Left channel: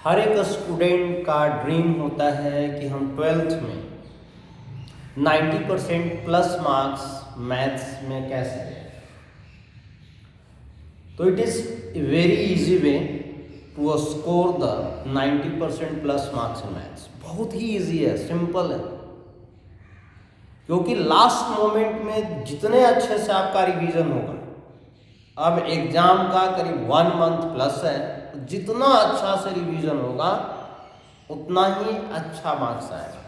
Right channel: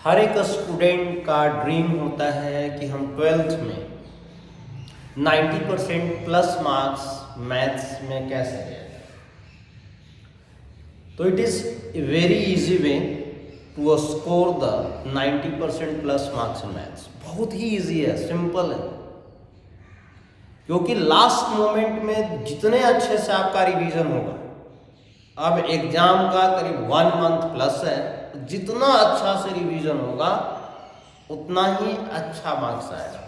हर एक स्टूडेंट का ड्रीम होता है कि हम 12th में 90% प्लस मार्क्स मैथ्स में कैसे लें। तो it is a very easy way to score the 90% plus marks in maths. बहुत ही इजी है, सिंपल है, क्योंकि लास्ट मोमेंट में जितने अच्छे से आपका रिवीजन होगा, अब एग्जाम का करीब 1 मंथ प्लस है, जितना अच्छा से रिवीजन होगा उतना ही अच्छा मार्क्स आएगा।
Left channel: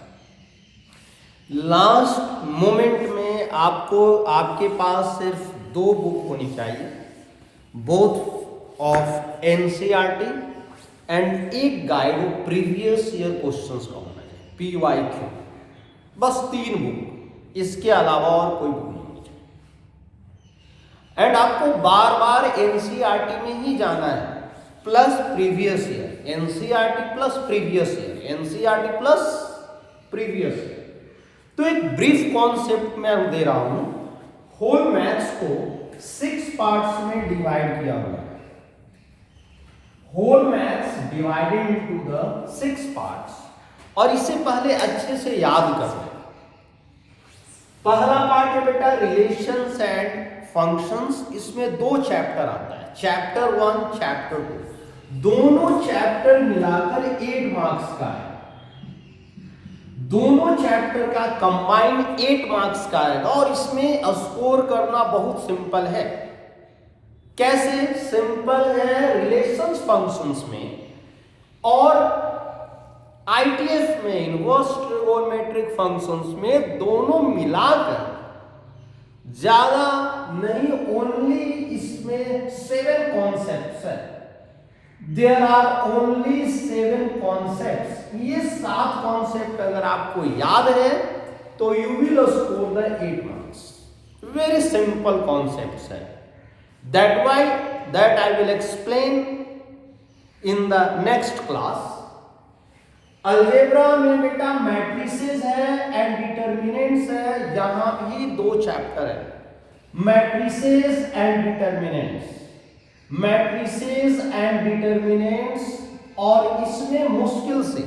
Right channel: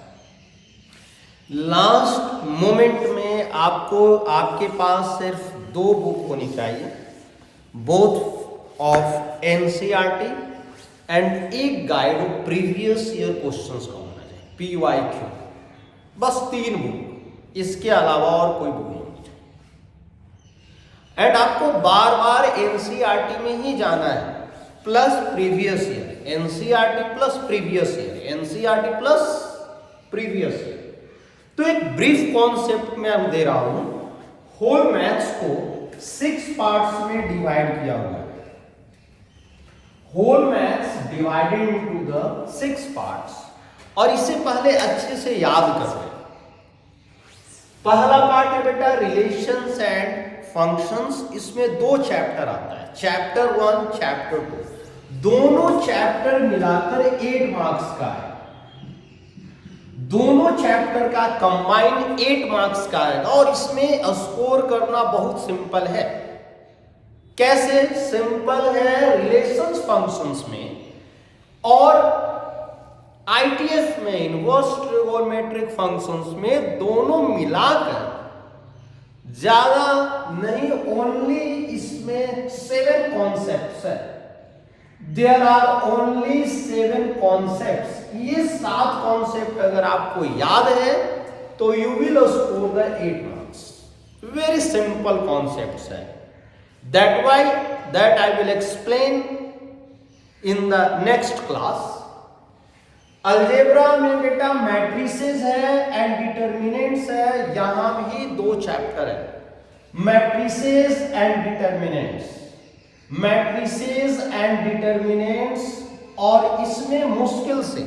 लास्ट मोमेंट में आपके पास सिर्फ 2 बुक होनी चाहिए, बोथ ऑफ एनसीईआरटी एंड एक guide of previous year questions का होना चाहिए, PYQ। बस 3 बुक, इसके अलावा और कोई बुक नहीं होनी चाहिए। एंड आपको बार बार एनसीईआरटी में ही जाना है, plus previous year, NCERT plus previous year, NCERT plus previous year. तो एक ब्रीफ कॉन्सेप्ट मैं दे रहा हूं। होल मैथ्स को 6 पार्ट्स में डिवाइड किया हुआ है। Whole maths divided into the 6 parts, और इससे पहले अच्छे से याद कर लें। पहला पार्ट है बेटा रिलेशंस एंड फंक्शंस। इसमें 2 चैप्टर आता है, चैप्टर 1, चैप्टर 2। दोनों चैप्टर मिलाकर 8 मार्क्स का है। दोनों चैप्टर का कंबाइंड 8 मार्क्स का आएगा, और इसमें स्कोर करना बहुत सिंपल है। कैसे सिंपल है? रिलेशंस फंक्शंस में और ITF में, इनवर्स ट्रिगोनोमेट्रिक फंक्शंस में, दोनों मिलाकर ज्यादा नहीं, ओनली इसमें 7 कॉन्सेप्ट्स है। There are only 7 concepts. ये 7 कॉन्सेप्ट अगर आपको याद है तो you will score the 8 marks. Very simple concepts है। That I will explain in the next class. Algebra में बेटा मैट्रिसेस है एंड डिटर्मिनेंट्स है। यहां भी 2 चैप्टर है, matrices and determinants, matrices and determinants. और इसमें मुश्किल से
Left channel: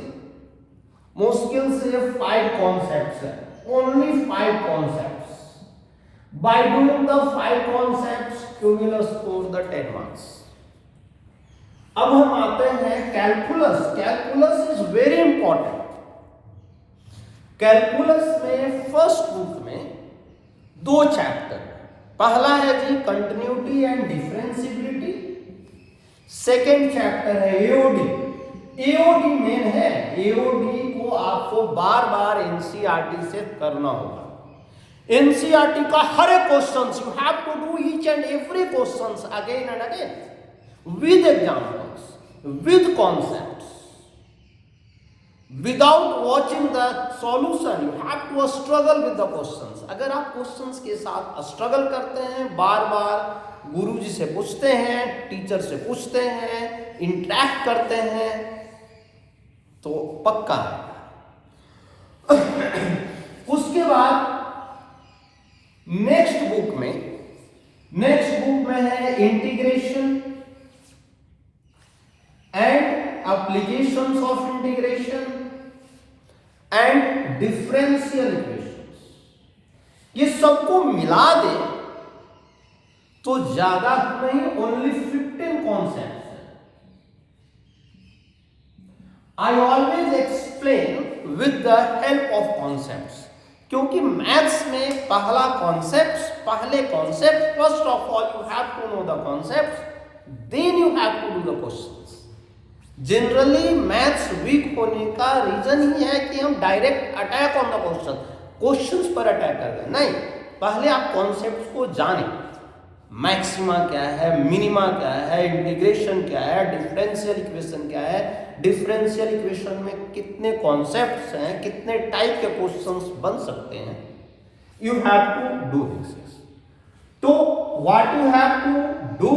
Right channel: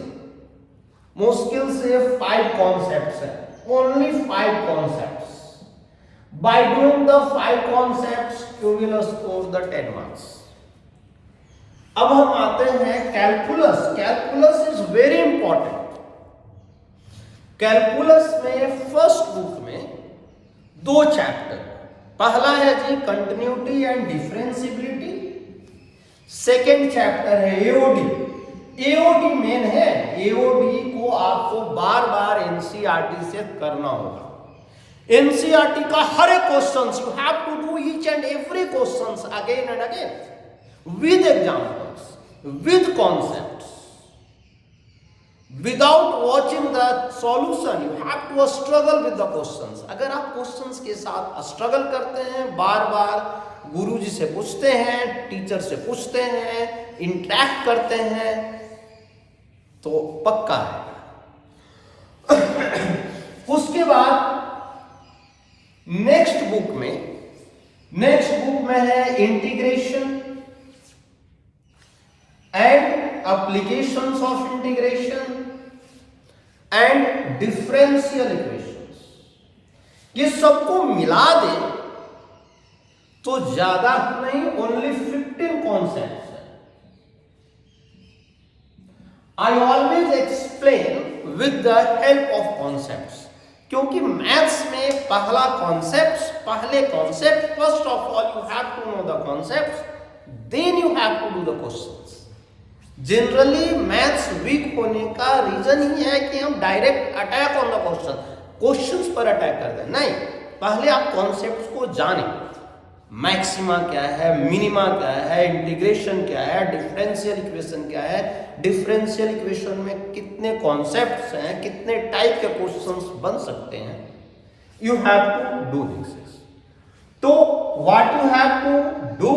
5 कॉन्सेप्ट्स है, only 5 concepts. By doing the 5 concepts you will score the 10 marks. अब हम आते हैं calculus. Calculus is very important. Calculus में फर्स्ट बुक में 2 चैप्टर। पहला है जी continuity and differentiability, second chapter है एओडी। एओडी मेन है, एओडी को आपको बार बार एनसीईआरटी से करना होगा। एनसीईआरटी का हर एक question you have to do each and every question again and again with examples, with concepts. Without watching the solution, you have to struggle with the questions. अगर आप क्वेश्चंस के साथ स्ट्रगल करते हैं, बार बार गुरुजी से पूछते हैं, टीचर से पूछते हैं, इंटरेक्ट करते हैं, तो पक्का है। उसके बाद नेक्स्ट बुक में है integration and applications of integration and differential equations। ये सबको मिला दे तो ज्यादा नहीं, ओनली 15 कॉन्सेप्ट्स है। I always explain with the help of concepts, क्योंकि मैथ्स में पहले concept first of all you have to know the concepts, then you have to do the questions. Generally maths weak होने का reason ही है कि हम direct attack on the questions पर अटैक कर दें। नहीं, पहले आप कॉन्सेप्ट्स को जानें। मैक्सिमा क्या है, मिनिमा क्या है, इंटीग्रेशन क्या है, डिफरेंशियल इक्वेशन क्या है, डिफरेंशियल इक्वेशन में कितने कॉन्सेप्ट्स हैं, कितने टाइप के क्वेश्चंस बन सकते हैं। You have to do this. तो what you have to do,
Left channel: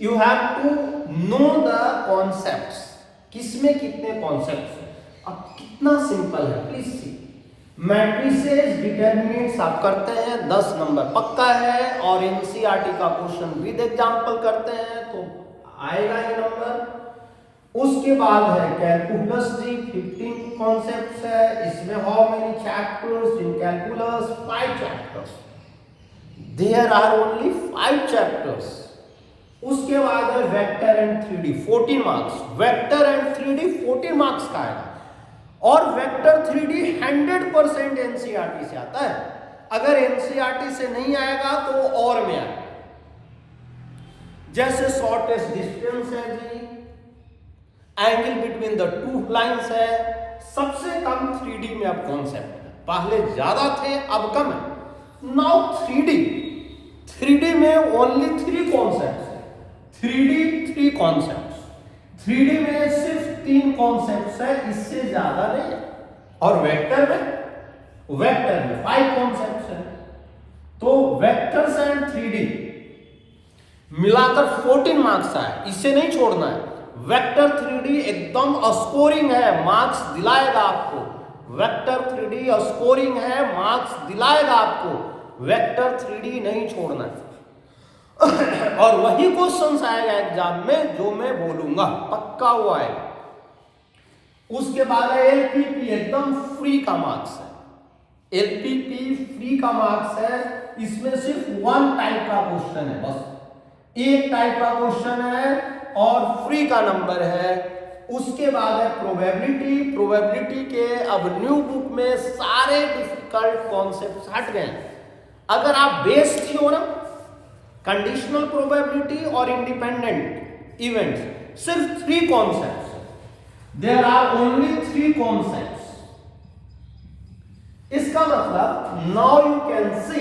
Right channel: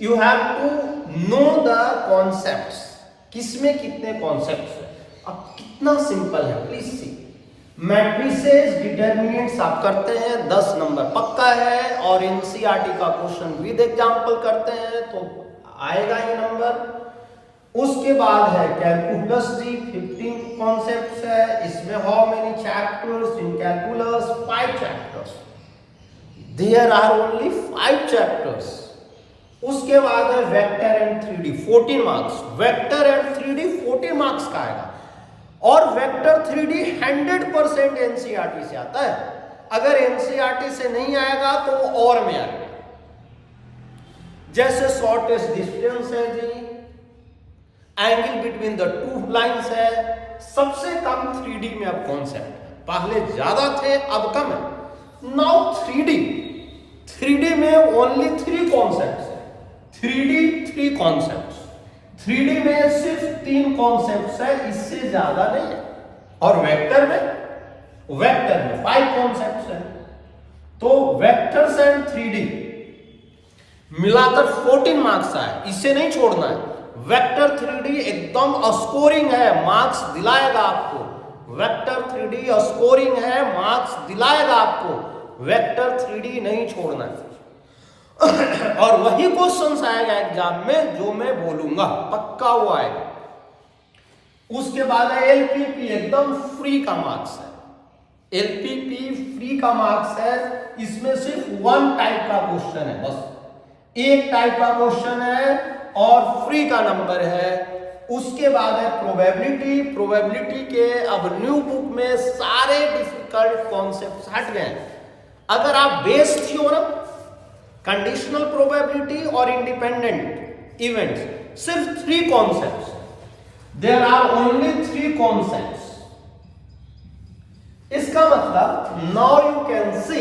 you have to know the concepts. किसमें कितने कॉन्सेप्ट्स हैं। अब कितना सिंपल है, प्लीज सी। मैट्रिसेस डिटर्मिनेंट्स आप करते हैं, 10 नंबर पक्का है, और एनसीईआरटी का क्वेश्चन विद एग्जांपल करते हैं तो आएगा ही नंबर। उसके बाद है कैलकुलस जी, 15 कॉन्सेप्ट्स है। इसमें how many chapters in calculus? 5 chapters. There are only 5 chapters. उसके बाद है vector and 3D, 14 marks. Vector and 3D 14 marks का आएगा। और वेक्टर 3D 100% एनसीईआरटी से आता है। अगर एनसीईआरटी से नहीं आएगा तो और में आएगा। जैसे शॉर्टेस्ट डिस्टेंस है जी, angle between the two lines है। सबसे कम 3D में अब कॉन्सेप्ट है। पहले ज्यादा थे, अब कम है। नाउ 3D में ओनली 3 कॉन्सेप्ट्स है। 3D 3 concepts. 3D में सिर्फ 3 कॉन्सेप्ट्स है, इससे ज्यादा नहीं है। और वेक्टर में 5 कॉन्सेप्ट्स है। तो वेक्टर्स एंड 3D मिलाकर 14 मार्क्स आए, इसे नहीं छोड़ना है। वेक्टर 3D एकदम स्कोरिंग है, मार्क्स दिलाएगा आपको। वेक्टर 3D स्कोरिंग है, मार्क्स दिलाएगा आपको। वेक्टर 3D नहीं छोड़ना है। और वही क्वेश्चंस आएगा एग्जाम में जो मैं बोलूंगा, पक्का वो आएगा। उसके बाद है एलपीपी, एकदम फ्री का मार्क्स है। एलपीपी फ्री का मार्क्स है। इसमें सिर्फ 1 टाइप का क्वेश्चन है, बस एक टाइप का क्वेश्चन है और फ्री का नंबर है। उसके बाद है प्रोबेबिलिटी। प्रोबेबिलिटी के अब न्यू बुक में सारे डिफिकल्ट कॉन्सेप्ट्स हट गए। अगर आप बेस थ्योरम, कंडीशनल प्रोबेबिलिटी और इंडिपेंडेंट इवेंट्स, सिर्फ 3 concepts. There are only 3 concepts. इसका मतलब now you can see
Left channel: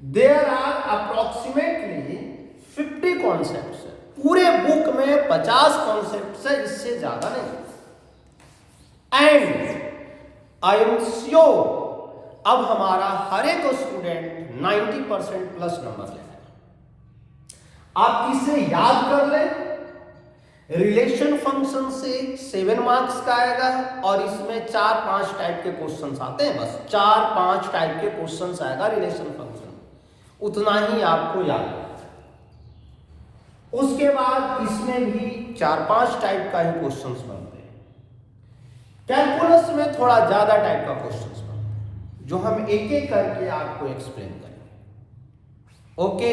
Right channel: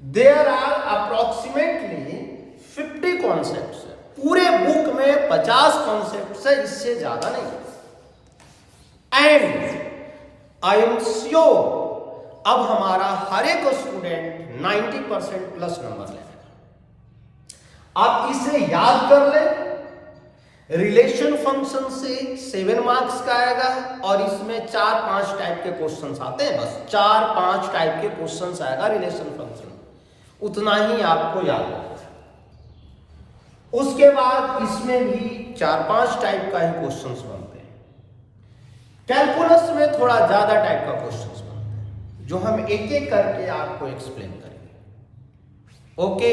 there are approximately 50 concepts है। पूरे बुक में 50 कॉन्सेप्ट्स है, इससे ज्यादा नहीं। एंड आई एम श्योर अब हमारा हर एक स्टूडेंट 90% प्लस नंबर लेगा। आप इसे याद कर लें। रिलेशन फंक्शन से 7 मार्क्स का आएगा और इसमें 4-5 टाइप के क्वेश्चंस आते हैं, बस 4-5 टाइप के क्वेश्चंस आएगा रिलेशन फंक्शन। उतना ही आपको याद रखना है। उसके बाद इसमें भी 4-5 टाइप का ही क्वेश्चंस बनते हैं। कैलकुलस में थोड़ा ज्यादा टाइप का क्वेश्चंस बनते हैं, जो हम एक एक करके आपको एक्सप्लेन करेंगे। ओके।